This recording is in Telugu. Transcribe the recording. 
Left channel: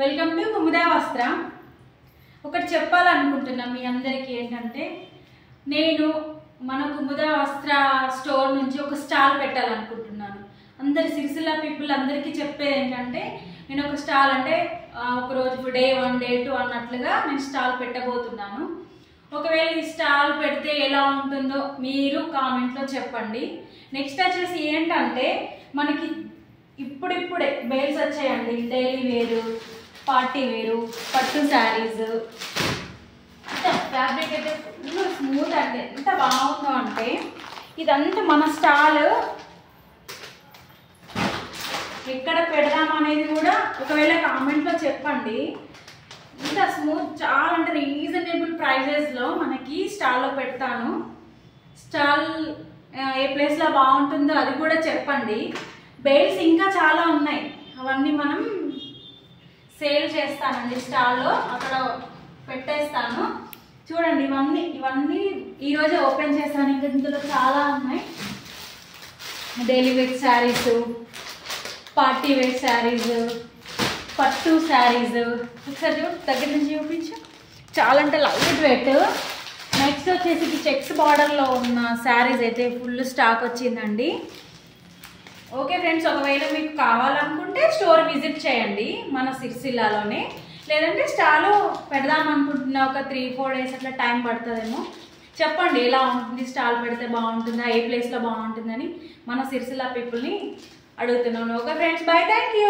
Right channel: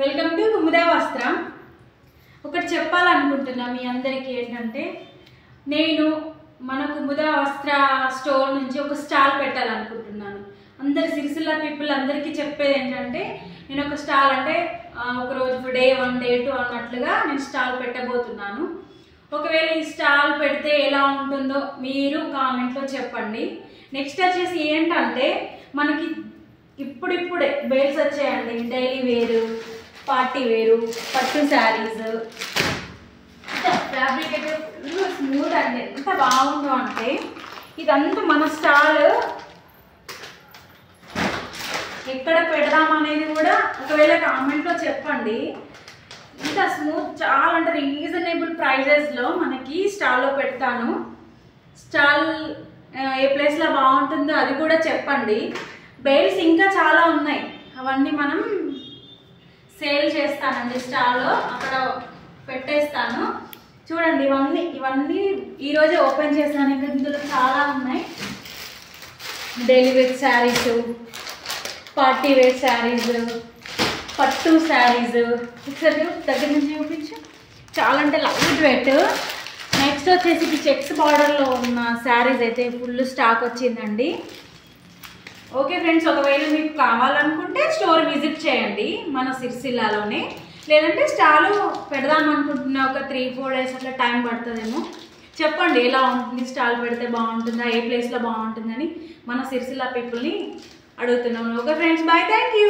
వెల్కమ్ టు కుముదా వస్త్ర. ఒకటి చెప్పాలనుకుంటున్నా మీ అందరికీ ఏంటంటే, నేను మన కుముదా వస్త్ర స్టోర్ నుంచి ఒక స్టాల్ పెట్టాలనుకుంటున్నాను. అందరి సిరిసిల్ల పీపుల్ అందరికీ చెప్పేది ఏంటంటే, నేను ఒక స్టాల్ అంటే ఒక రోజు డే 1 డే 2 అన్నట్లుగా నేను స్టాల్ పెట్టబోతున్నాను. ఒకవేళ ఈ స్టాల్ పెడితే ఎలా ఉంటుందో మీరు కామెంట్లో చెప్పండి. నెక్స్ట్ వచ్చేసి ఏంటంటే, మనకి ఇప్పుడిప్పుడే బేల్స్ వచ్చాయండి. డైలీ వేరు, పార్టీ వేరు, పట్టు శారీస్, ఫ్యాబ్రిక్ అయితే ఫుల్ స్మూత్ అండి. ఎంత బాగుందో అంటే, ఇదంతా మన స్టాల్ ఎక్కడ పెడదాం అనేది కూడా ఒకవేళ కామెంట్లో చెప్పండి. ఇంత స్మూత్, చాలా అంటే రీజనబుల్ ప్రైజెస్లో మనకి స్టాల్లో పెడతాను. స్టాల్ ఏ ప్లేస్లో బాగుంటుందో అది కూడా చెప్పండి. బేల్స్ ఇంకా చాలా ఉన్నాయి, అవన్నీ మనం సేల్ చేస్తానండి. స్టాల్లో అక్కడ పెట్టేస్తాను. చూడండి, ఇవన్నీ ఈరోజే ఓపెన్ చేస్తాను. ఇంకా ఇందులో చాలా ఉన్నాయి. Daily wear saris, party wear saris, పట్టు శారీస్. ఒకసారి దగ్గర నుంచి చూపించు. చాలా అంటే లైట్ వెయిట్. నెక్స్ట్ వచ్చేసి చెక్స్ బార్డర్లో ఉన్న శారీస్ అయితే ఫుల్ స్టాక్ వచ్చిందండి. ఓకే ఫ్రెండ్స్, ఒకవేళ మీకు కావాలనుకుంటే స్టోర్ విజిట్ చేయండి మన సిరిసిల్లాలోనే. లేదంటే స్టాలు పెడదాం అనుకుంటున్నా, ఒక 3-4 డేస్ అట్లా టైం పడుతుందేమో. చెప్పండి ఎలా ఉంటుంది, స్టాల్ పెడితే బాగుంటుందా, ఏ ప్లేస్లో బాగుంటుందని మన సిరిసిల్ల పీపుల్ని అడుగుతున్నాను. Okay friends, bye, thank you.